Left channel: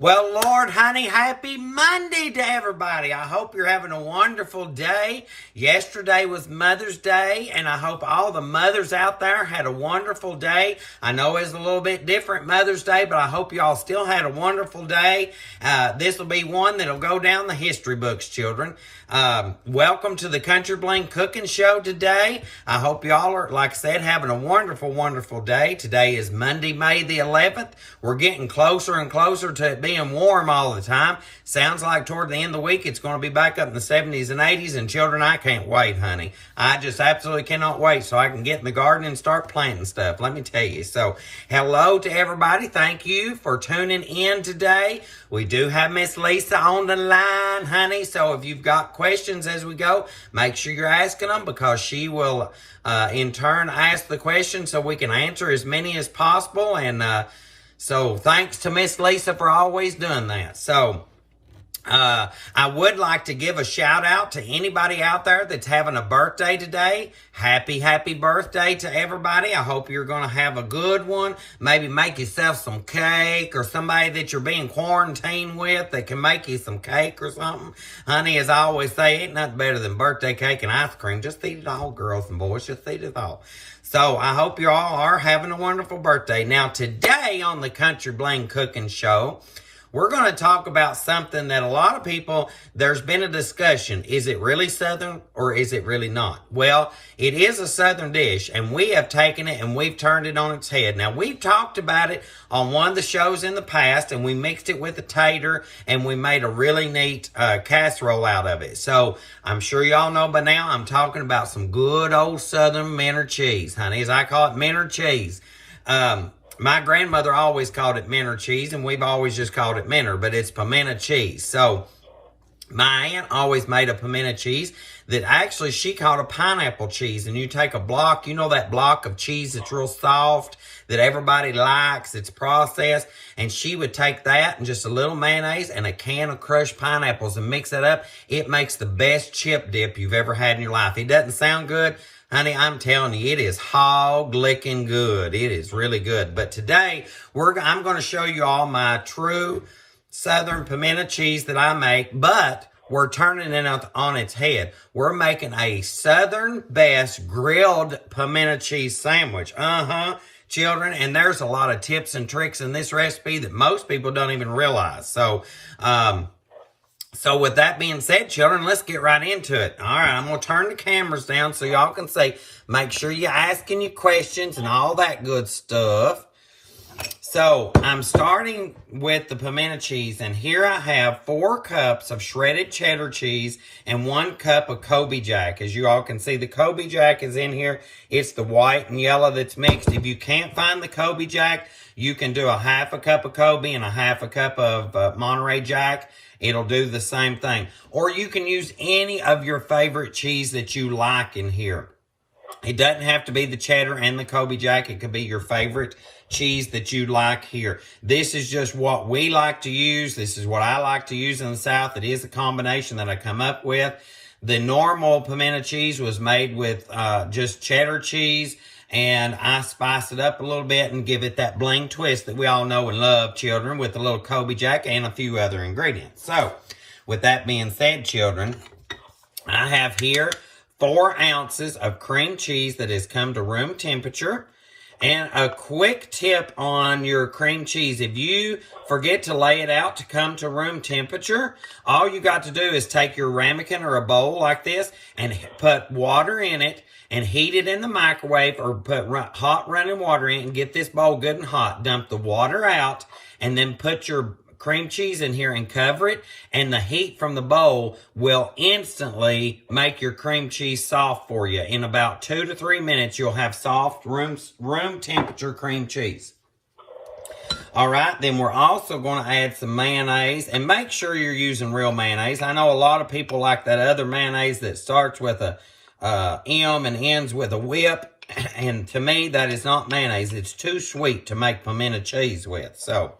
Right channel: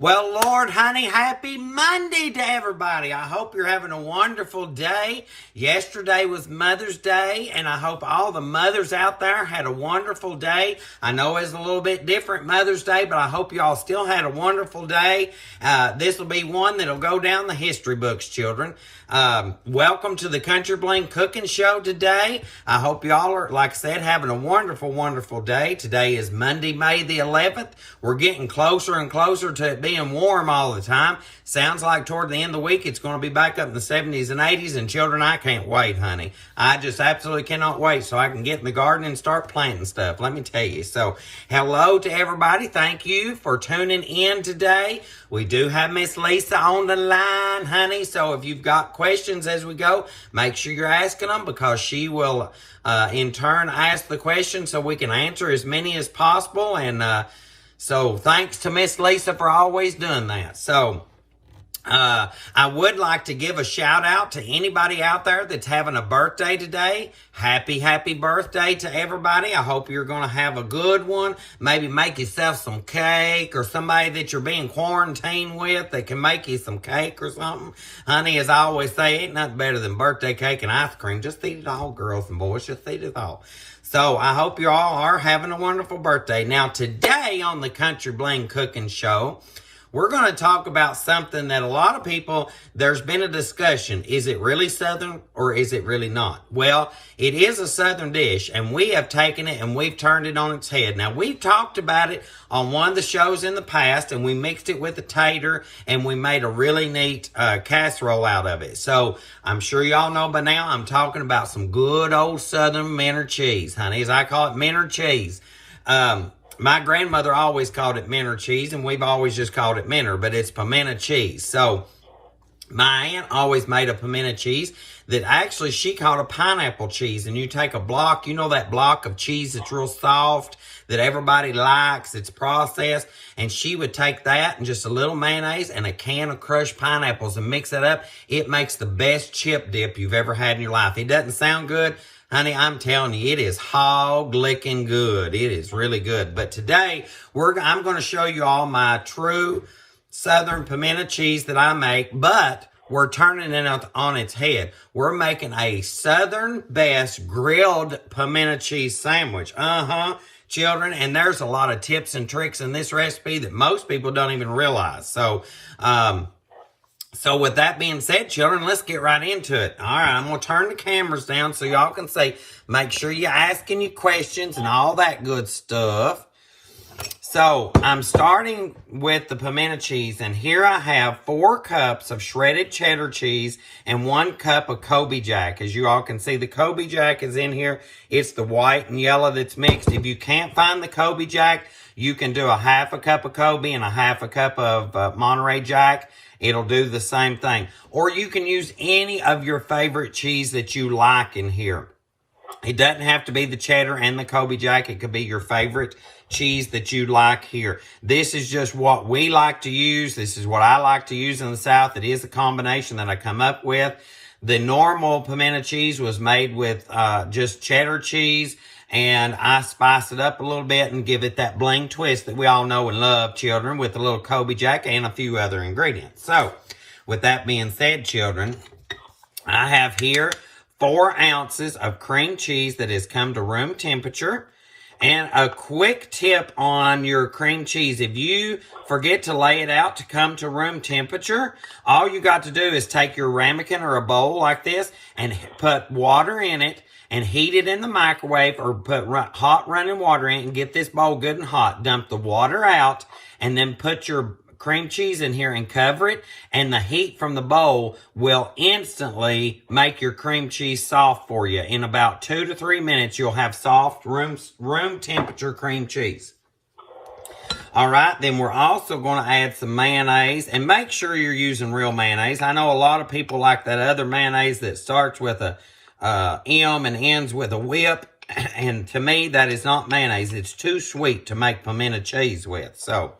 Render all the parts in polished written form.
Well, Lord, honey, happy Monday to everybody. I hope you're having a wonderful day. Yesterday was Mother's Day, and I hope all the mothers out there had a wonderful day. I know it's a little bit different Mother's Day, but I hope y'all still had a wonderful day. This will be one that'll go down the history books, children. Welcome to the Country Bling Cooking Show today. I hope y'all are, like I said, having a wonderful, wonderful day. Today is Monday, May the 11th. We're getting closer and closer to it being warm all the time. Sounds like toward the end of the week, it's going to be back up in the 70s and 80s. And children, I can't wait, honey. I just absolutely cannot wait so I can get in the garden and start planting stuff. Let me tell you. So, hello to everybody. Thank you for tuning in today. We do have Miss Lisa on the line, honey. So if you've got questions as we go, make sure you're asking them because she will, in turn, ask the questions so we can answer as many as possible. And so thanks to Miss Lisa for always doing that. So I would like to give a shout out to anybody out there that's having a birthday today. Happy, happy birthday to everybody. I hope you're going to have a good one. Maybe make yourself some cake or somebody that you're being quarantined with that can make you some cake or something. Honey, as I always say, ain't nothing better than birthday cake and ice cream. Just eat it all, girls and boys. Just eat it all. So I hope you all are having a wonderful birthday. Now, today on the Country Bling Cooking Show, we're going to talk about something that a lot of people, there's been a discussion. Is it really Southern or is it really not? Well, it is a Southern dish, and we have taken it and we've turned it on its head. Now, we've talked about it on one of the shows in the past, and we mixed it with a tater, and we made a really neat casserole out of it. So, I'm sure y'all know by now I'm talking about some good old Southern Minter cheese, honey, as I call it, Minter cheese. My grandmother always called it Minter cheese, and we've always just called it Minter, but it's pimento cheese. So, my aunt always made a pimento cheese that actually she called a pineapple cheese. And you take a block, you know that block of cheese that's real soft, that everybody likes, it's processed, and she would take that and just a little mayonnaise and a can of crushed pineapples and mix it up. It makes the best chip dip you've ever had in your life. It doesn't sound good. Honey, I'm telling you, it is hog-licking good. It is really good. But today, I'm going to show you all my true Southern pimento cheese that I make, but we're turning it on its head. We're making a Southern best grilled pimento cheese sandwich. Children, and there's a lot of tips and tricks in this recipe that most people don't even realize. So with that being said, children, let's get right into it. All right, I'm going to turn the cameras down so y'all can see. Make sure you're asking your questions and all that good stuff. So, I'm starting with the pimento cheese, and here I have 4 cups of shredded cheddar cheese and 1 cup of Kobe Jack. As you all can see, the Kobe Jack is in here. It's the white and yellow that's mixed. If you can't find the Kobe Jack, you can do a half a cup of Kobe and a half a cup of Monterey Jack. It'll do the same thing. Or you can use any of your favorite cheese that you like in here. It doesn't have to be the cheddar and the Kobe Jack. It could be your favorite cheese that you like here. This is just what we like to use. This is what I like to use in the South. It is a combination that I come up with. The normal pimento cheese was made with just cheddar cheese, and I spice it up a little bit and give it that bling twist that we all know and love, children, with a little Kobe Jack and a few other ingredients. So, with that being said, children, I have here 4 ounces of cream cheese that has come to room temperature. And a quick tip on your cream cheese. If you forget to lay it out to come to room temperature, all you got to do is take your ramekin or a bowl like this and put water in it and heat it in the microwave, or put hot running water in it and get this bowl good and hot. Dump the water out and then put your cream cheese in here and cover it, and the heat from the bowl will instantly make your cream cheese soft for you. In about 2 to 3 minutes, you'll have soft room temperature cream cheese. All right, then we're also going to add some mayonnaise, and make sure you're using real mayonnaise. I know a lot of people like that other mayonnaise that starts with a M and ends with a whip, and to me, that is not mayonnaise. It's too sweet to make pimento cheese with. So,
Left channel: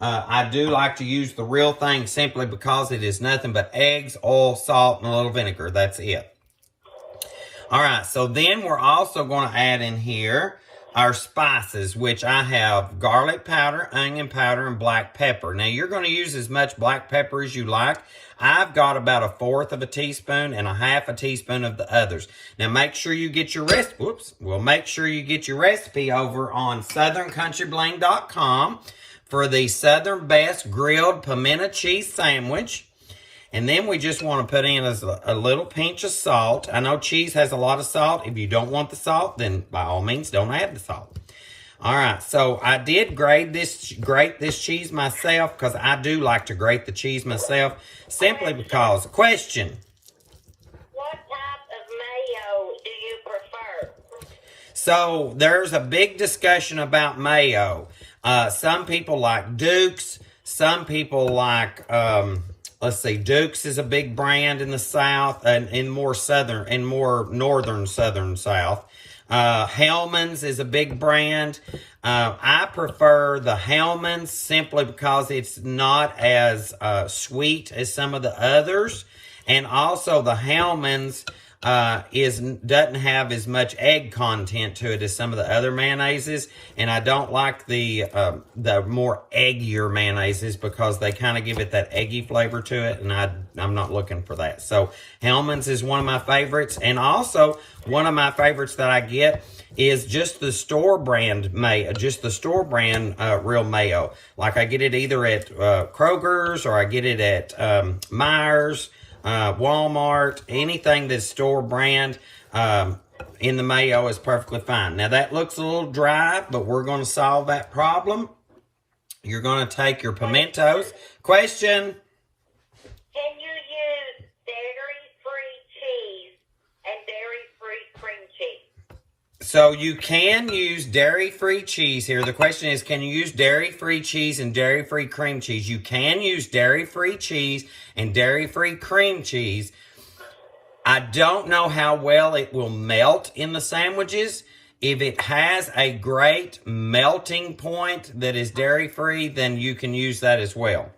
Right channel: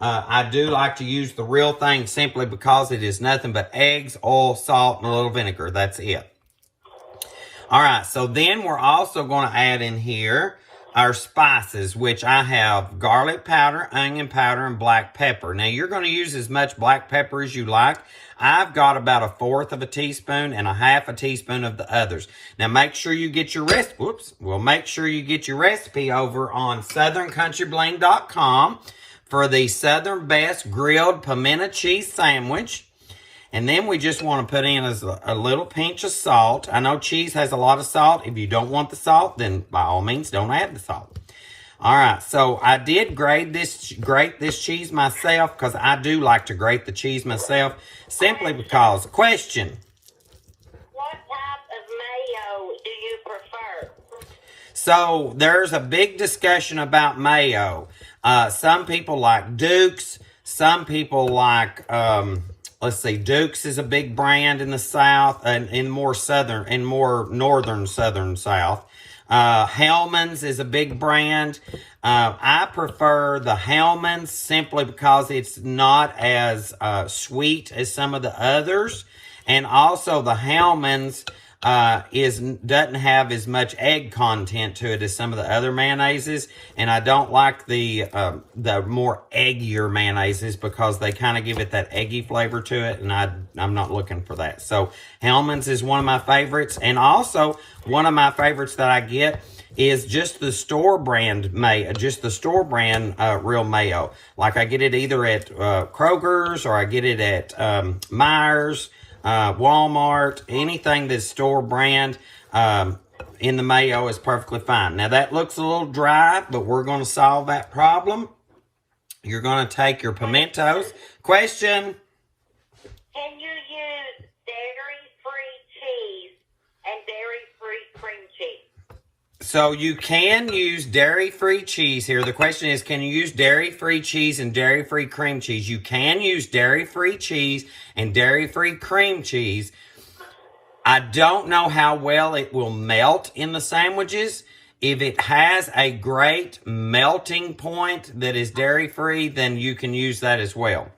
I do like to use the real thing simply because it is nothing but eggs, oil, salt, and a little vinegar. That's it. All right, so then we're also going to add in here our spices, which I have garlic powder, onion powder, and black pepper. Now, you're going to use as much black pepper as you like. I've got about 1/4 of a teaspoon and 1/2 a teaspoon of the others. Now, make sure you get your recipe. Make sure you get your recipe over on southerncountryBling.com for the Southern Best Grilled Pimento Cheese Sandwich. And then we just want to put in a little pinch of salt. I know cheese has a lot of salt. If you don't want the salt, then by all means, don't add the salt. All right, so I did grate this cheese myself because I do like to grate the cheese myself simply because. Question. What type of mayo do you prefer? So there's a big discussion about mayo. Some people like Duke's. Some people like... let's see, Duke's is a big brand in the South and in more northern South. Hellman's is a big brand. I prefer the Hellman's simply because it's not as sweet as some of the others. And also the Hellman's doesn't have as much egg content to it as some of the other mayonnaises. And I don't like the more eggier mayonnaises because they kind of give it that eggy flavor to it, and I'm not looking for that. So Hellman's is one of my favorites, and also one of my favorites that I get is just the store brand mayo, real mayo. Like I get it either at Kroger's or I get it at Meijer's, Walmart, anything that's store brand. In the mayo is perfectly fine. Now that looks a little dry, but we're going to solve that problem. You're going to take your pimentos. Question. Can you use dairy-free cheese and dairy-free cream cheese? So you can use dairy-free cheese here. The question is, can you use dairy-free cheese and dairy-free cream cheese? You can use dairy-free cheese and dairy-free cream cheese. I don't know how well it will melt in the sandwiches. If it has a great melting point that is dairy-free, then you can use that as well.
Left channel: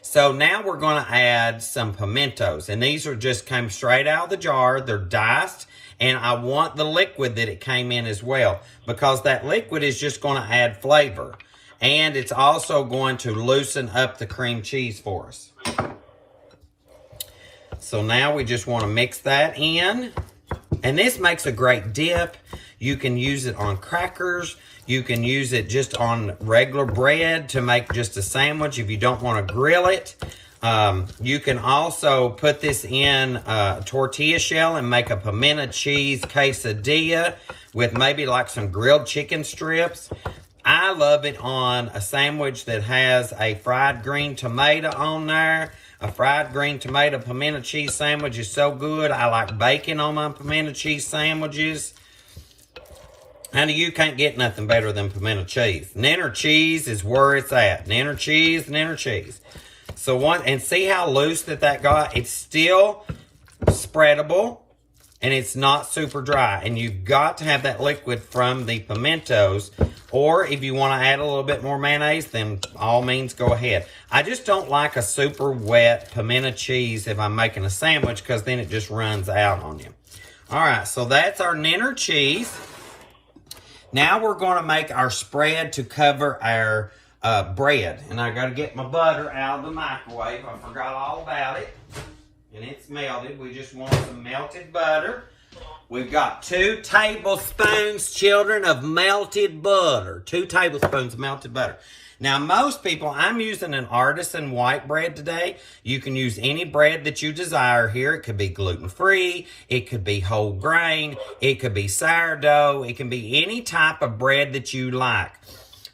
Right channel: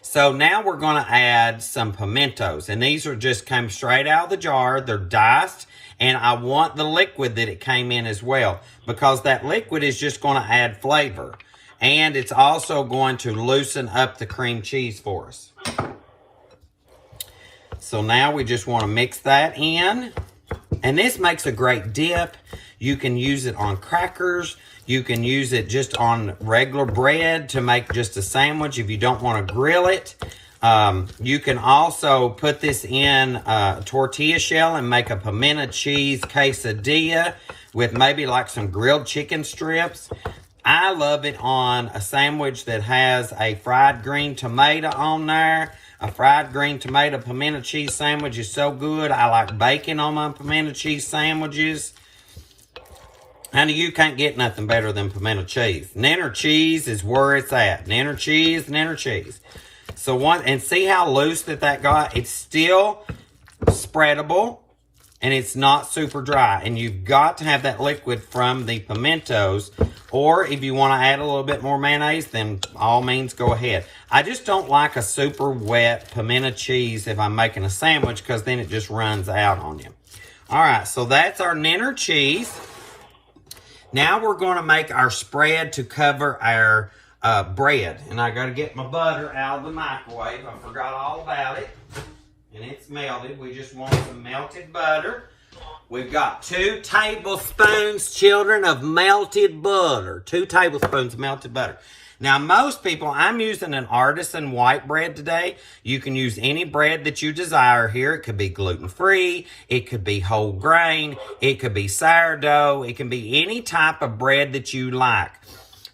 So now we're going to add some pimentos. And these are just came straight out of the jar. They're diced. And I want the liquid that it came in as well, because that liquid is just going to add flavor. And it's also going to loosen up the cream cheese for us. So now we just want to mix that in. And this makes a great dip. You can use it on crackers. You can use it just on regular bread to make just a sandwich if you don't want to grill it. You can also put this in a tortilla shell and make a pimento cheese quesadilla with maybe like some grilled chicken strips. I love it on a sandwich that has a fried green tomato on there. A fried green tomato pimento cheese sandwich is so good. I like bacon on my pimento cheese sandwiches. Honey, you can't get nothing better than pimento cheese. Nenner cheese is where it's at. Nenner cheese, nenner cheese. So and see how loose that got? It's still spreadable, and it's not super dry. And you've got to have that liquid from the pimentos. Or if you want to add a little bit more mayonnaise, then all means go ahead. I just don't like a super wet pimento cheese if I'm making a sandwich, because then it just runs out on you. All right, so that's our Nenner cheese. Now we're going to make our spread to cover our bread. And I got to get my butter out of the microwave. I forgot all about it. And it's melted. We just want some melted butter. We've got 2 tablespoons, children, of melted butter. 2 tablespoons of melted butter. Now, most people, I'm using an artisan white bread today. You can use any bread that you desire here. It could be gluten-free. It could be whole grain. It could be sourdough. It can be any type of bread that you like.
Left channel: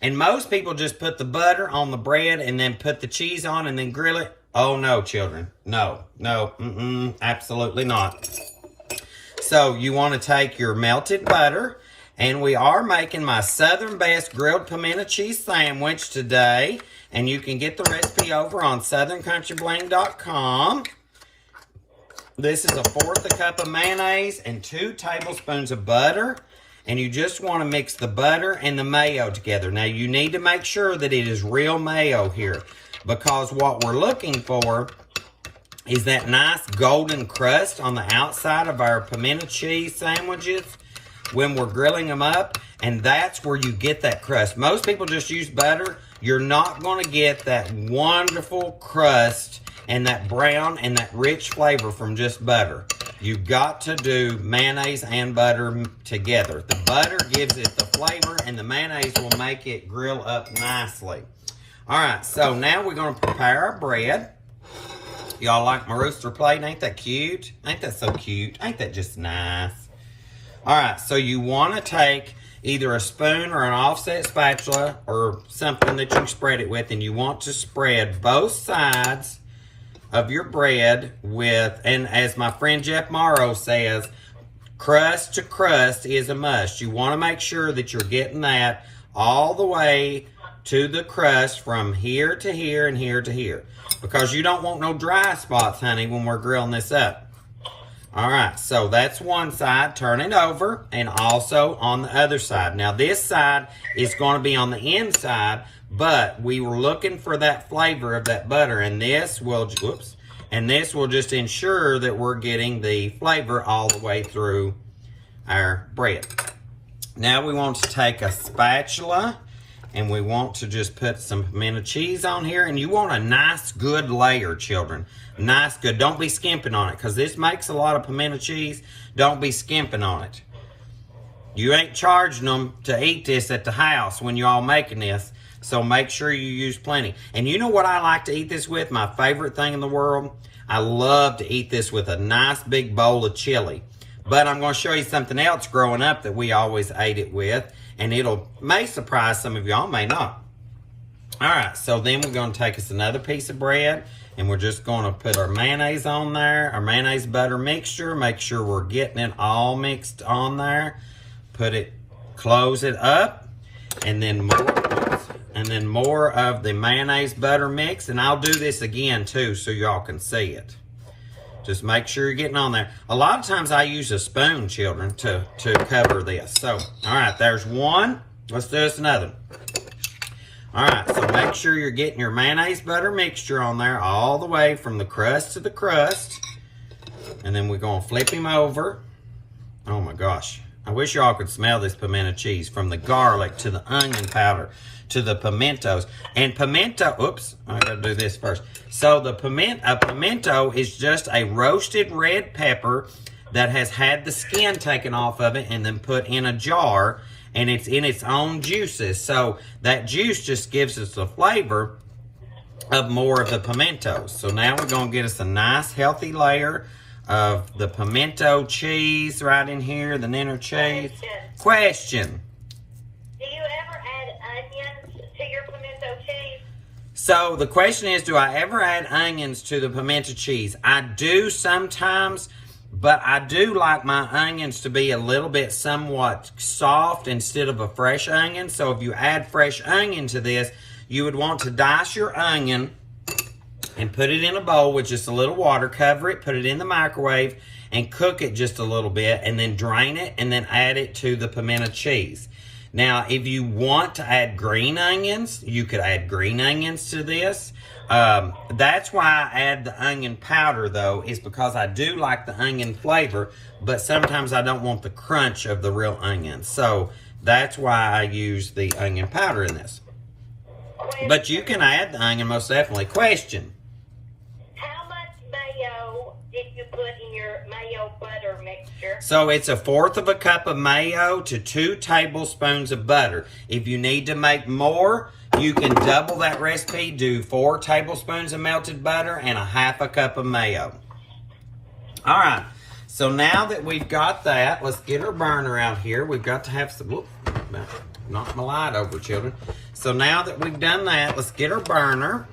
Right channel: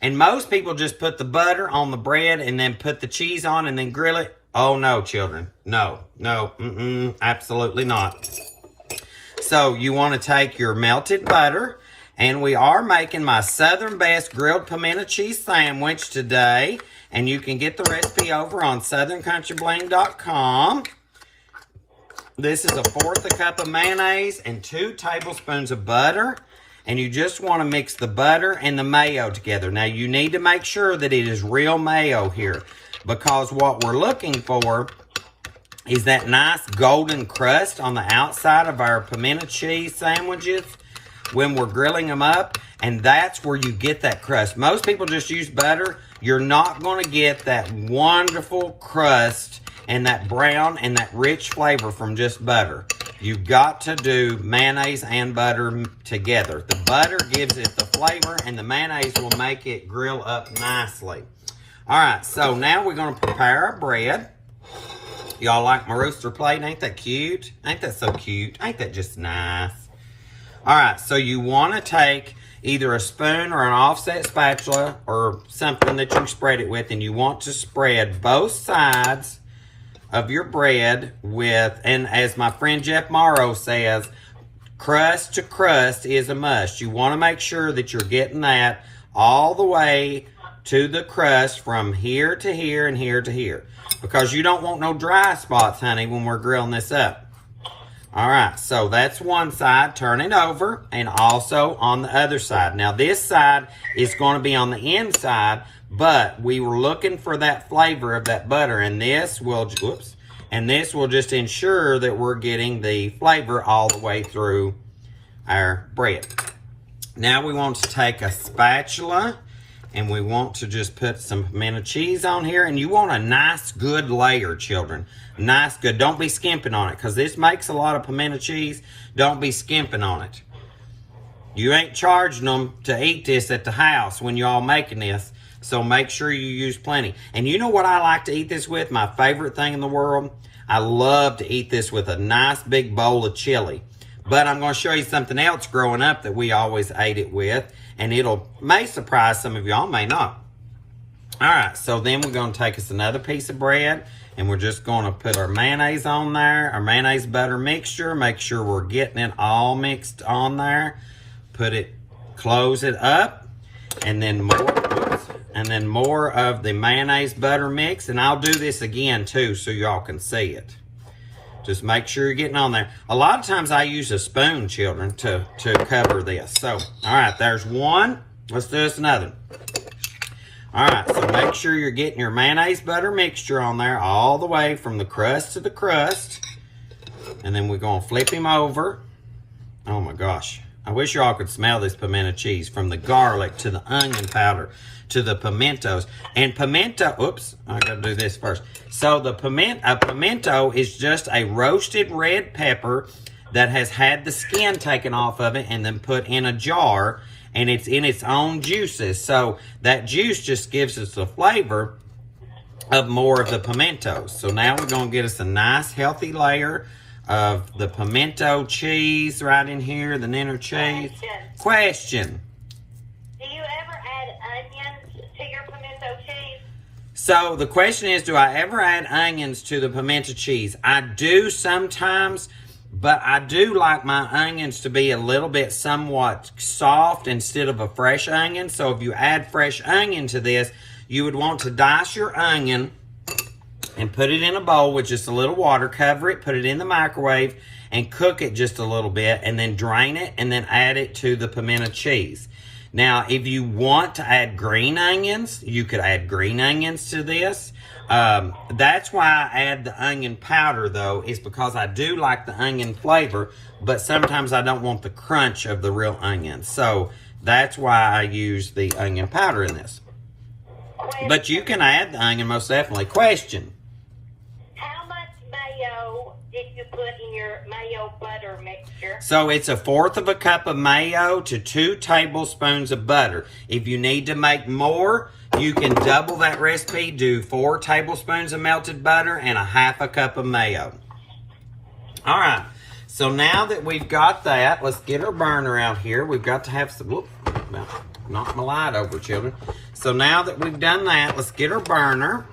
And most people just put the butter on the bread and then put the cheese on and then grill it. Oh, no, children. No, absolutely not. So you want to take your melted butter, and we are making my Southern Best Grilled Pimento Cheese Sandwich today. And you can get the recipe over on southerncountryBling.com. This is 1/4 cup of mayonnaise and 2 tablespoons of butter. And you just want to mix the butter and the mayo together. Now, you need to make sure that it is real mayo here, because what we're looking for is that nice golden crust on the outside of our pimento cheese sandwiches. when we're grilling them up, and that's where you get that crust. Most people just use butter. You're not going to get that wonderful crust and that brown and that rich flavor from just butter. You've got to do mayonnaise and butter together. The butter gives it the flavor, and the mayonnaise will make it grill up nicely. All right, so now we're going to prepare our bread. Y'all like my rooster plate? Ain't that cute? Ain't that so cute? Ain't that just nice? All right, so you want to take either a spoon or an offset spatula or something that you can spread it with, and you want to spread both sides of your bread with, and as my friend Jeff Morrow says, crust to crust is a must. You want to make sure that you're getting that all the way to the crust from here to here and here to here, because you don't want no dry spots, honey, when we're grilling this up. All right, so that's one side. Turn it over, and also on the other side. Now, this side is going to be on the inside, but we were looking for that flavor of that butter, and this will, just ensure that we're getting the flavor all the way through our bread. Now we want to take a spatula, and we want to just put some pimento cheese on here, and you want a nice, good layer, children. Nice, good. Don't be skimping on it, because this makes a lot of pimento cheese. Don't be skimping on it. You ain't charging them to eat this at the house when you're all making this, so make sure you use plenty. And you know what I like to eat this with? My favorite thing in the world? I love to eat this with a nice big bowl of chili. But I'm going to show you something else growing up that we always ate it with, and may surprise some of y'all, may not. All right, so then we're going to take us another piece of bread, and we're just going to put our mayonnaise on there, our mayonnaise butter mixture. Make sure we're getting it all mixed on there. Close it up, and then more of the mayonnaise butter mix. And I'll do this again too, so y'all can see it. Just make sure you're getting on there. A lot of times I use a spoon, children, to cover this. So, all right, there's one. Let's do this another. All right, so make sure you're getting your mayonnaise butter mixture on there all the way from the crust to the crust. And then we're going to flip him over. Oh my gosh. I wish y'all could smell this pimento cheese, from the garlic to the onion powder to the pimentos. And pimento, oops, I gotta do this first. So the pimento is just a roasted red pepper that has had the skin taken off of it and then put in a jar, and it's in its own juices. So that juice just gives us the flavor of more of the pimentos. So now we're gonna get us a nice healthy layer of the pimento cheese right in here, the Niner cheese. Question. Do you ever add onions to your pimento cheese? So the question is, do I ever add onions to the pimento cheese? I do sometimes, but I do like my onions to be a little bit somewhat soft instead of a fresh onion. So if you add fresh onion to this, you would want to dice your onion and put it in a bowl with just a little water, cover it, put it in the microwave, and cook it just a little bit, and then drain it, and then add it to the pimento cheese. Now, if you want to add green onions, you could add green onions to this. That's why I add the onion powder, though, is because I do like the onion flavor, but sometimes I don't want the crunch of the real onion. So that's why I use the onion powder in this. But you can add the onion, most definitely. Question. How much mayo did you put in your mayo butter mixture? So it's 1/4 cup of mayo to 2 tablespoons of butter. If you need to make more, you can double that recipe, do 4 tablespoons of melted butter and 1/2 cup of mayo. All right, so now that we've got that, let's get our burner out here. We've got to have some, whoop, knock my light over, children. So now that we've done that, let's get our burner.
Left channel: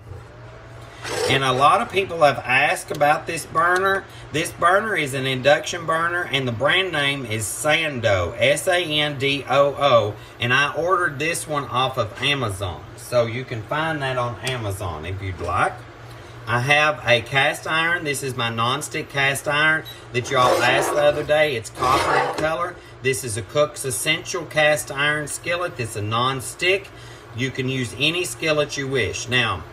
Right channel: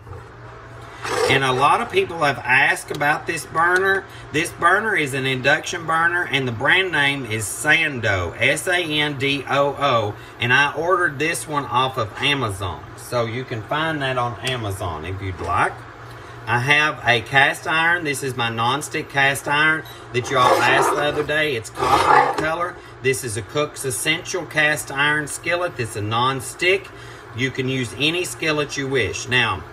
And a lot of people have asked about this burner. This burner is an induction burner, and the brand name is Sando, S-A-N-D-O-O. And I ordered this one off of Amazon. So you can find that on Amazon if you'd like. I have a cast iron. This is my non-stick cast iron that y'all asked the other day. It's copper in color. This is a Cook's Essential cast iron skillet. It's a non-stick. You can use any skillet you wish. Now,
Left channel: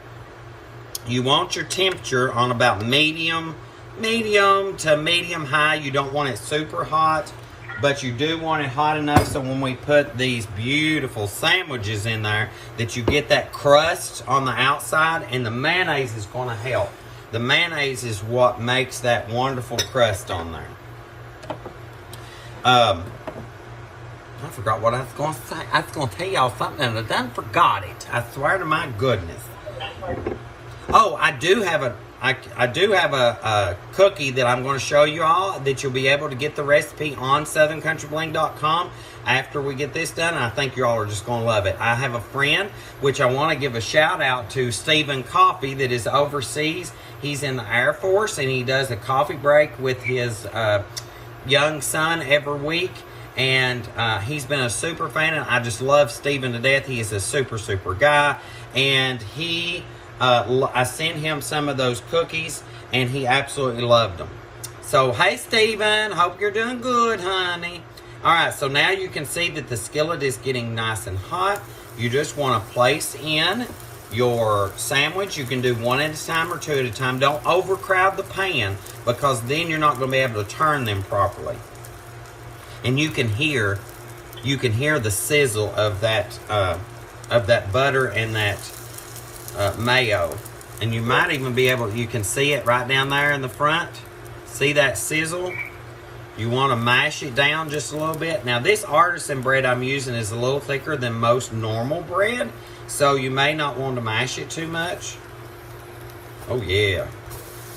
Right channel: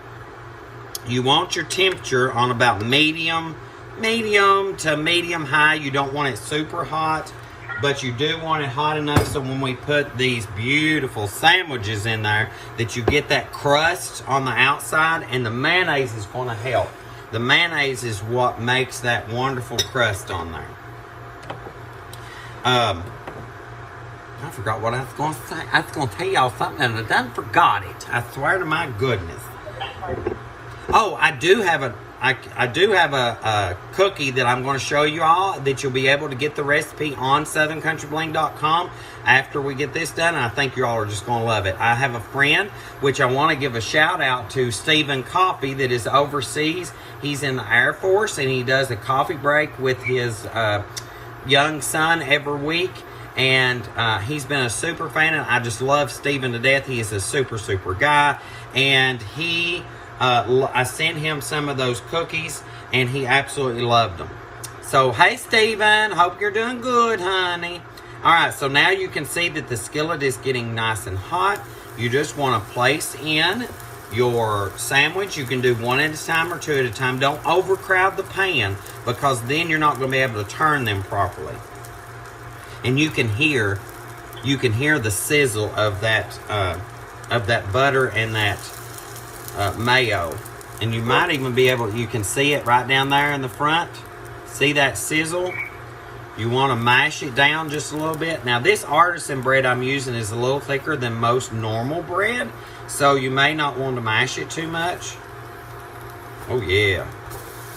you want your temperature on about medium to medium high. You don't want it super hot. but you do want it hot enough so when we put these beautiful sandwiches in there that you get that crust on the outside, and the mayonnaise is going to help. The mayonnaise is what makes that wonderful crust on there. I forgot what I was going to say. I was going to tell y'all something and I done forgot it. I swear to my goodness. Oh, I do have a cookie that I'm going to show you all that you'll be able to get the recipe on southerncountryBling.com after we get this done. And I think you all are just going to love it. I have a friend, which I want to give a shout out to, Stephen Coffee, that is overseas. He's in the Air Force and he does a coffee break with his young son every week. And he's been a super fan, and I just love Stephen to death. He is a super guy. And I sent him some of those cookies, and he absolutely loved them. So, hey, Stephen, hope you're doing good, honey. All right, so now you can see that the skillet is getting nice and hot. You just want to place in your sandwich. You can do one at a time or two at a time. Don't overcrowd the pan, because then you're not going to be able to turn them properly. And you can hear the sizzle of that butter and that mayo. And you might even be able, you can see it right down there in the front. See that sizzle? You want to mash it down just a little bit. Now this artisan bread I'm using is a little thicker than most normal bread, so you may not want to mash it too much. Oh yeah.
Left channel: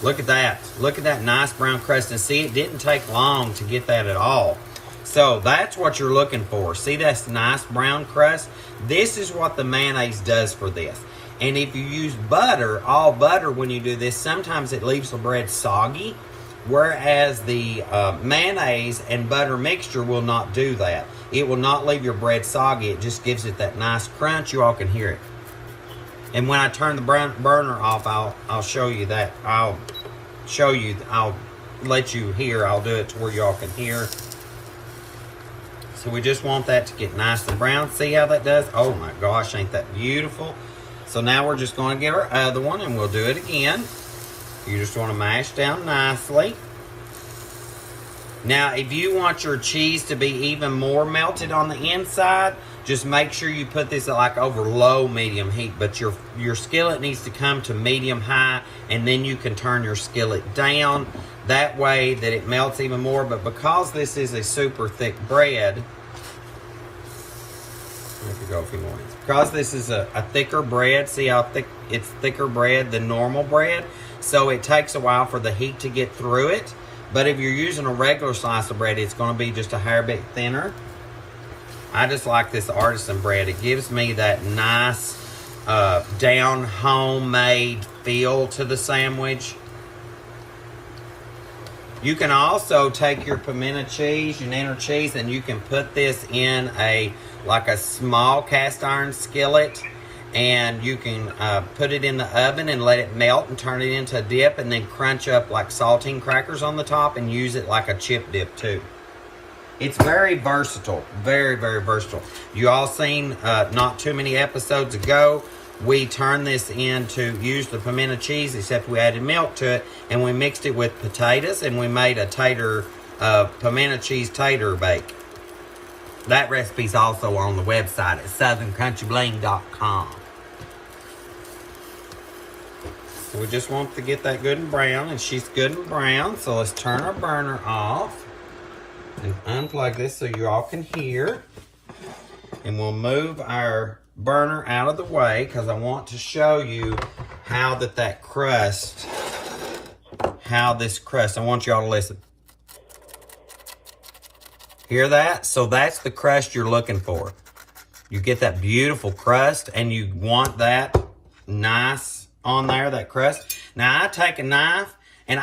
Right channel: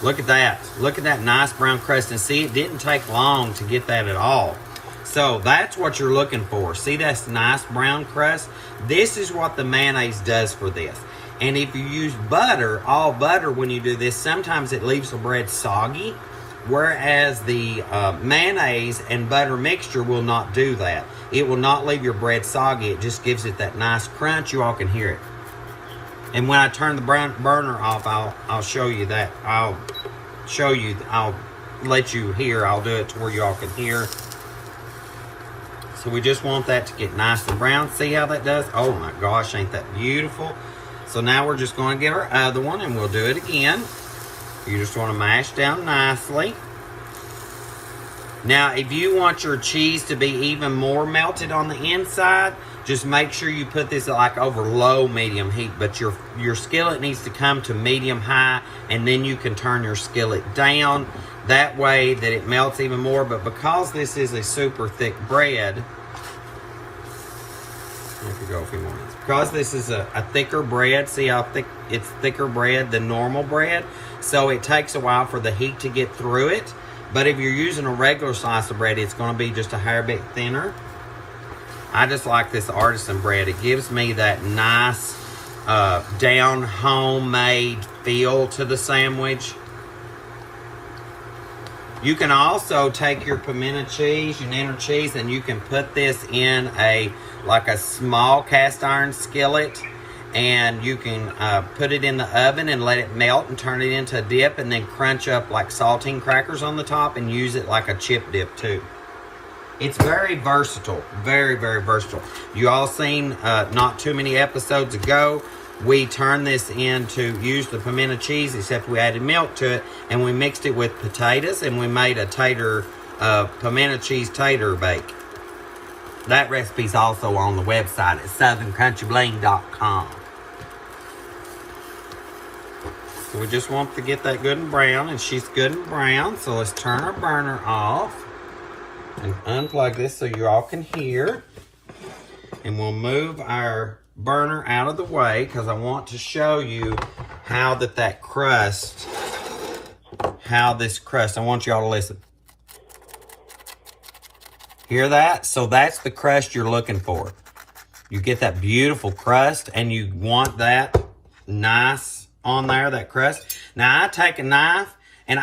Look at that. Look at that nice brown crust. And see, it didn't take long to get that at all. So that's what you're looking for. See that nice brown crust? This is what the mayonnaise does for this. And if you use butter, all butter, when you do this, sometimes it leaves the bread soggy, whereas the mayonnaise and butter mixture will not do that. It will not leave your bread soggy. It just gives it that nice crunch. You all can hear it. And when I turn the burner off, I'll show you that. I'll let you hear. I'll do it to where you all can hear. So we just want that to get nice and brown. See how that does? Oh my gosh, ain't that beautiful? So now we're just going to get our other one and we'll do it again. You just want to mash down nicely. Now, if you want your cheese to be even more melted on the inside, just make sure you put this like over low medium heat. But your skillet needs to come to medium high, and then you can turn your skillet down. That way that it melts even more. But because this is a super thick bread, because this is a thicker bread, see how thick it's thicker bread than normal bread, so it takes a while for the heat to get through it. But if you're using a regular slice of bread, it's going to be just a hair bit thinner. I just like this artisan bread. It gives me that nice down homemade feel to the sandwich. You can also take your pimento cheese, your Niner cheese, and you can put this in a small cast iron skillet, and you can put it in the oven and let it melt and turn it into a dip, and then crunch up like saltine crackers on the top and use it like a chip dip too. It's very versatile, very versatile. You all seen not too many episodes ago, we turned this use the pimento cheese, except we added milk to it, and we mixed it with potatoes, and we made a tater, pimento cheese tater bake. That recipe's also on the website at southerncountryBling.com. So we just want to get that good and brown, and she's good and brown, so let's turn our burner off and unplug this so you all can hear. And we'll move our burner out of the way because I want to show you how this crust, I want y'all to listen. Hear that? So that's the crust you're looking for. You get that beautiful crust, and you want that nice on there, that crust. Now I take a knife, and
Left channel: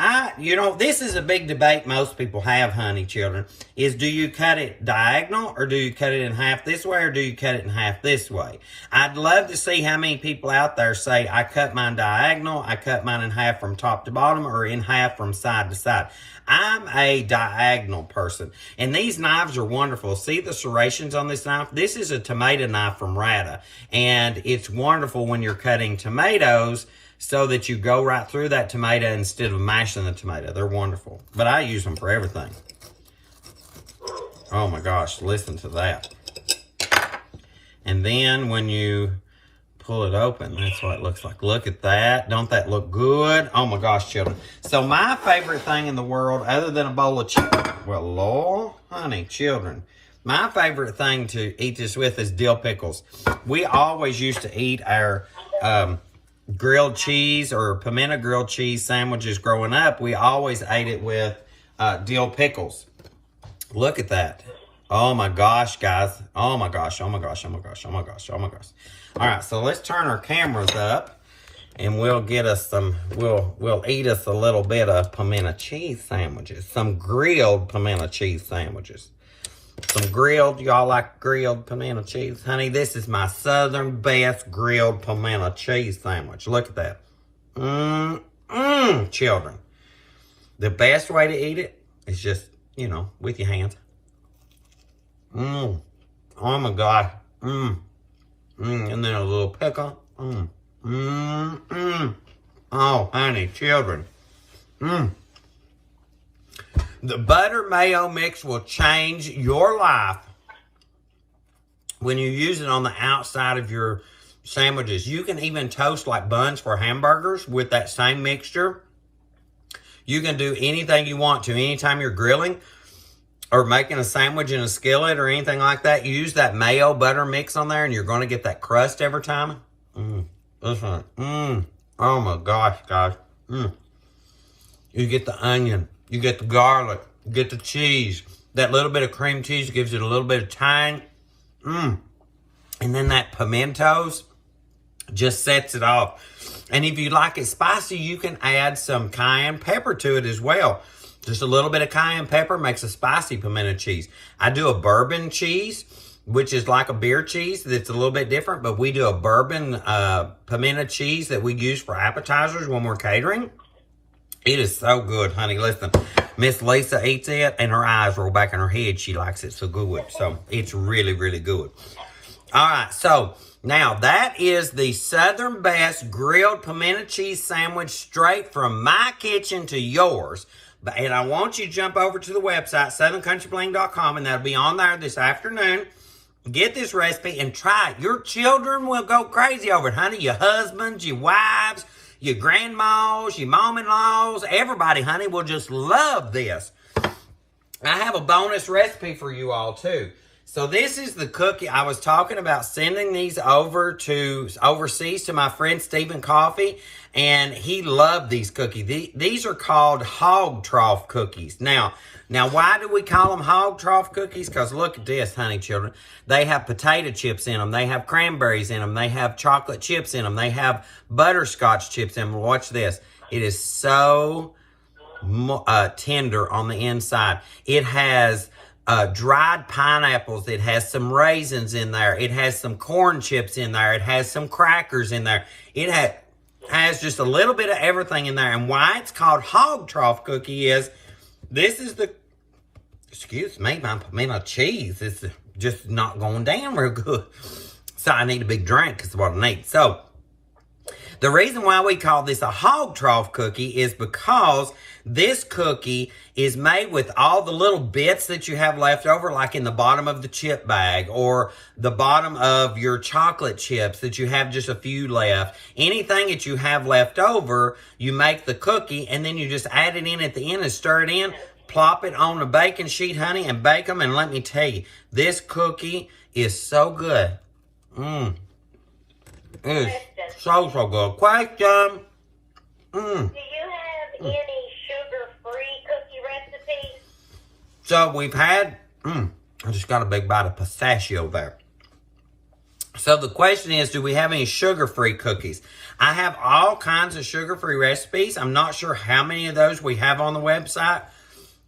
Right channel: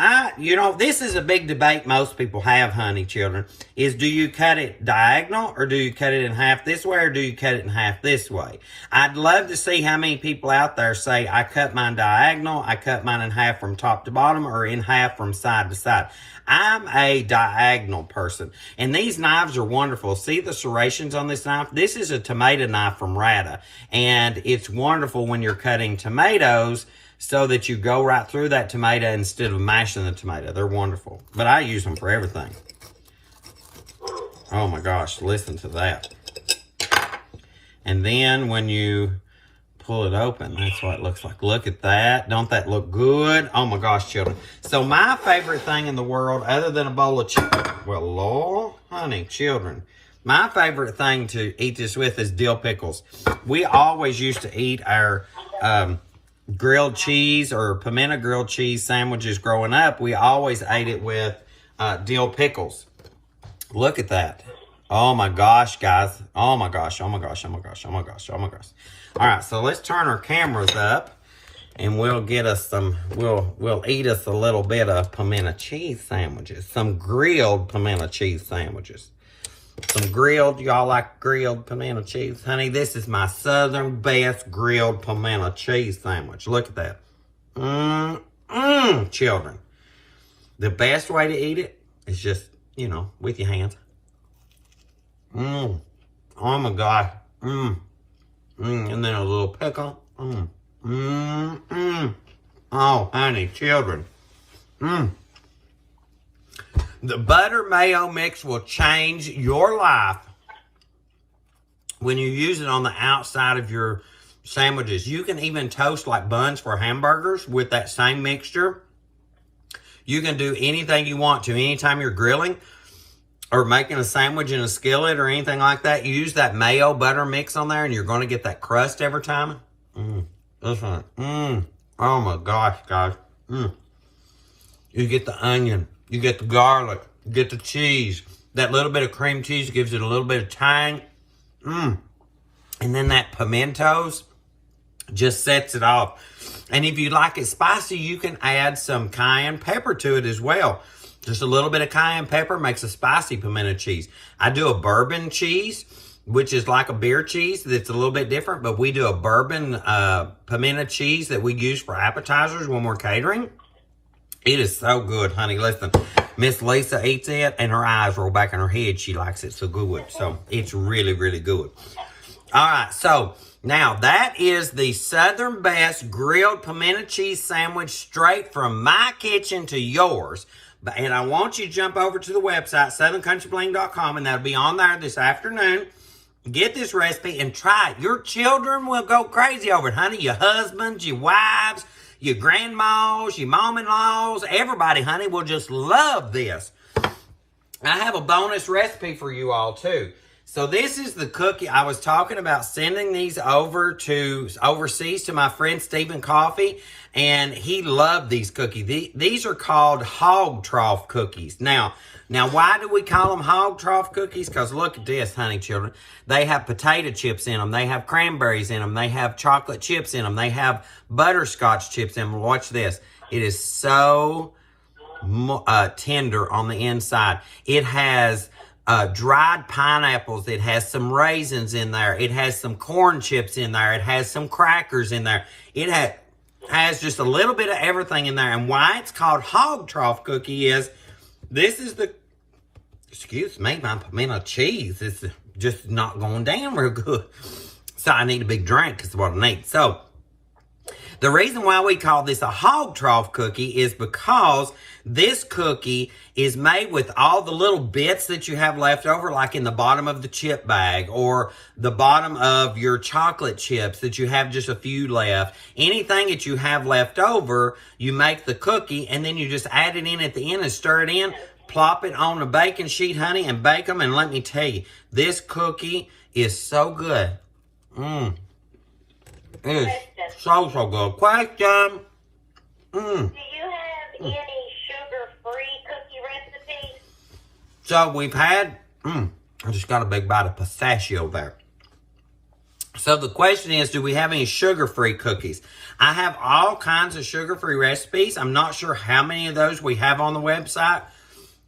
this is a big debate most people have, honey children, is do you cut it diagonal, or do you cut it in half this way, or do you cut it in half this way? I'd love to see how many people out there say, I cut mine diagonal, I cut mine in half from top to bottom, or in half from side to side. I'm a diagonal person, and these knives are wonderful. See the serrations on this knife? This is a tomato knife from Rata, and it's wonderful when you're cutting tomatoes so that you go right through that tomato instead of mashing the tomato. They're wonderful, but I use them for everything. Oh my gosh, listen to that. And then when you pull it open, that's what it looks like. Look at that. Don't that look good? Oh my gosh, children. So my favorite thing in the world, other than a bowl of chicken, well, Lord, honey, children, my favorite thing to eat this with is dill pickles. We always used to eat our grilled cheese or pimento grilled cheese sandwiches growing up. We always ate it with dill pickles. Look at that. Oh my gosh, guys. Oh my gosh, oh my gosh, oh my gosh, oh my gosh, oh my gosh. All right, so let's turn our cameras up and we'll get us some, we'll eat us a little bit of pimento cheese sandwiches. Some grilled pimento cheese sandwiches. Some grilled, y'all like grilled pimento cheese? Honey, this is my Southern best grilled pimento cheese sandwich. Look at that. Children. The best way to eat it is just, you know, with your hands. Oh my God. And then a little pickle. Oh, honey, children. The butter mayo mix will change your life when you use it on the outside of your sandwiches. You can even toast like buns for hamburgers with that same mixture. You can do anything you want to anytime you're grilling or making a sandwich in a skillet or anything like that. You use that mayo butter mix on there and you're going to get that crust every time. This one. Oh my gosh, guys. You get the onion. You get the garlic. You get the cheese. That little bit of cream cheese gives it a little bit of tang. And then that pimentos just sets it off. And if you like it spicy, you can add some cayenne pepper to it as well. Just a little bit of cayenne pepper makes a spicy pimento cheese. I do a bourbon cheese, which is like a beer cheese that's a little bit different, but we do a bourbon pimento cheese that we use for appetizers when we're catering. It is so good, honey. Listen, Miss Lisa eats it and her eyes roll back in her head. She likes it so good. So it's really, really good. All right, so now that is the Southern best grilled pimento cheese sandwich straight from my kitchen to yours. And I want you to jump over to the website, southerncountryBling.com, and that'll be on there this afternoon. Get this recipe and try it. Your children will go crazy over it, honey. Your husbands, your wives, your grandmas, your mom-in-laws, everybody, honey, will just love this. I have a bonus recipe for you all, too. So this is the cookie. I was talking about sending these over to overseas to my friend Stephen Coffee, and he loved these cookies. These are called hog trough cookies. Now, why do we call them hog trough cookies? Because look at this, honey, children. They have potato chips in them. They have cranberries in them. They have chocolate chips in them. They have butterscotch chips in them. Watch this. It is so tender on the inside. It has dried pineapples. It has some raisins in there. It has some corn chips in there. It has some crackers in there. It has just a little bit of everything in there. And why it's called hog trough cookie is this is the, excuse me, my pimento cheese is just not going down real good. So I need a big drink is what I need. So the reason why we call this a hog trough cookie is because this cookie is made with all the little bits that you have left over, like in the bottom of the chip bag or the bottom of your chocolate chips that you have just a few left. Anything that you have left over, you make the cookie and then you just add it in at the end and stir it in, plop it on a baking sheet, honey, and bake them. And let me tell you, this cookie is so good. It is so good. Question. Do you have any sugar-free cookie recipes? So we've had, I just got a big bite of pistachio there. So the question is, do we have any sugar-free cookies? I have all kinds of sugar-free recipes. I'm not sure how many of those we have on the website,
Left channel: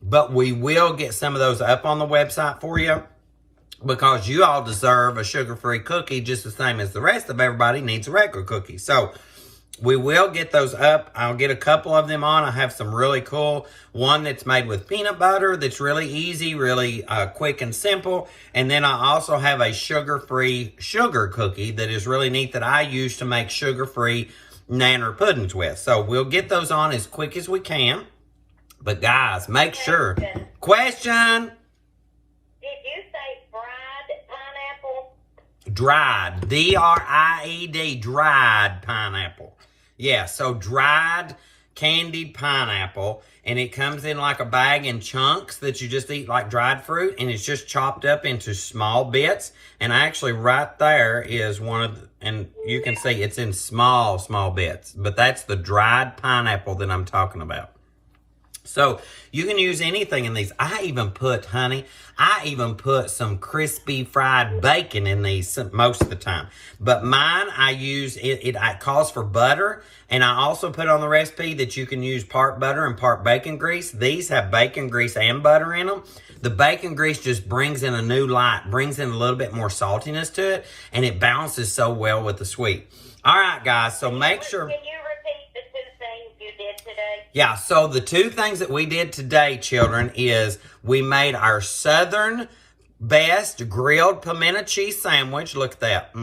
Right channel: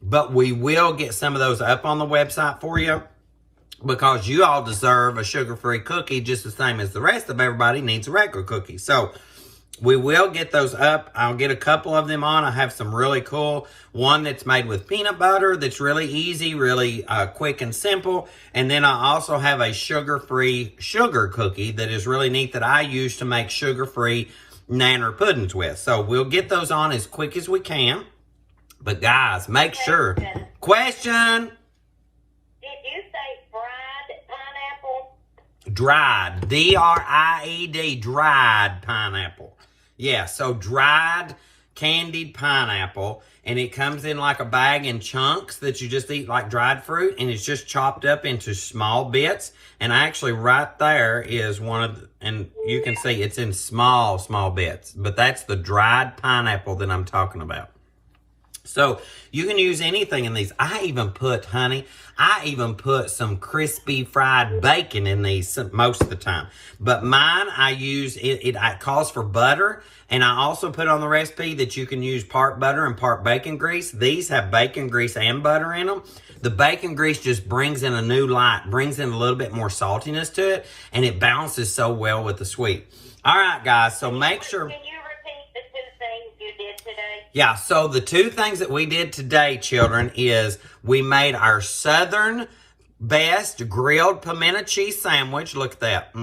but we will get some of those up on the website for you because you all deserve a sugar-free cookie just the same as the rest of everybody needs a regular cookie. So we will get those up. I'll get a couple of them on. I have some really cool. One that's made with peanut butter that's really easy, really quick and simple. And then I also have a sugar-free sugar cookie that is really neat that I use to make sugar-free nanner puddings with. So we'll get those on as quick as we can. But guys, make sure. Question. Did dried, D-R-I-E-D, dried pineapple. Yeah, so dried candied pineapple, and it comes in like a bag in chunks that you just eat like dried fruit, and it's just chopped up into small bits. And actually right there is one of the, and you can see it's in small bits, but that's the dried pineapple that I'm talking about. So you can use anything in these. I even put some crispy fried bacon in these most of the time. But mine, I use, it calls for butter. And I also put on the recipe that you can use part butter and part bacon grease. These have bacon grease and butter in them. The bacon grease just brings in a new light, brings in a little bit more saltiness to it, and it balances so well with the sweet. All right, guys, so make sure. Can you repeat the 2 things you did today? Yeah, so the 2 things that we did today, children, is we made our Southern best grilled pimento cheese sandwich. Look at that.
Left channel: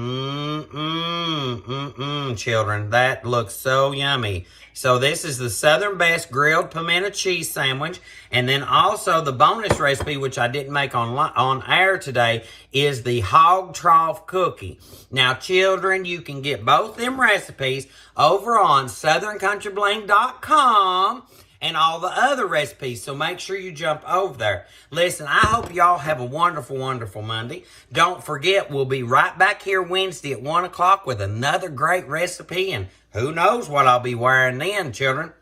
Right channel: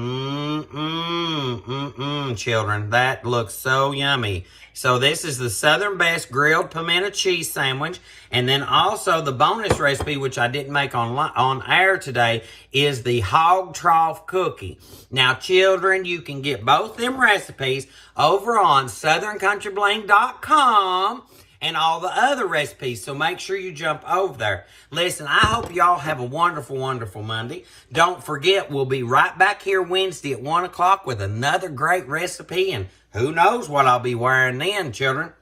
Children. That looks so yummy. So this is the Southern best grilled pimento cheese sandwich. And then also the bonus recipe, which I didn't make on air today, is the hog trough cookie. Now, children, you can get both them recipes over on southerncountryBling.com and all the other recipes. So make sure you jump over there. Listen, I hope y'all have a wonderful, wonderful Monday. Don't forget, we'll be right back here Wednesday at 1 o'clock with another great recipe. And who knows what I'll be wearing then, children.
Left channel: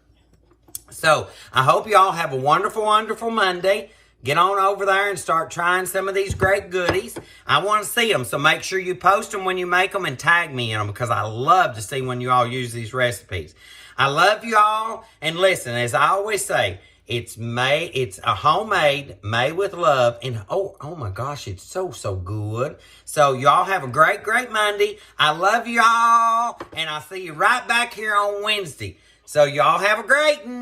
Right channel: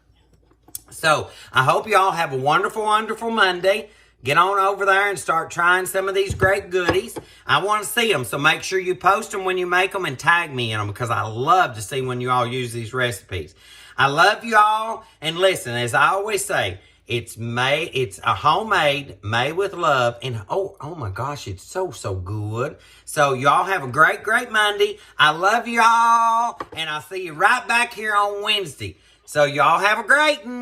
So I hope y'all have a wonderful, wonderful Monday. Get on over there and start trying some of these great goodies. I want to see them, so make sure you post them when you make them and tag me in them, because I love to see when you all use these recipes. I love you all, and listen, as I always say, it's a homemade, made with love, and oh my gosh, it's so good. So y'all have a great, great Monday. I love y'all, and I'll see you right back here on Wednesday. So y'all have a great one.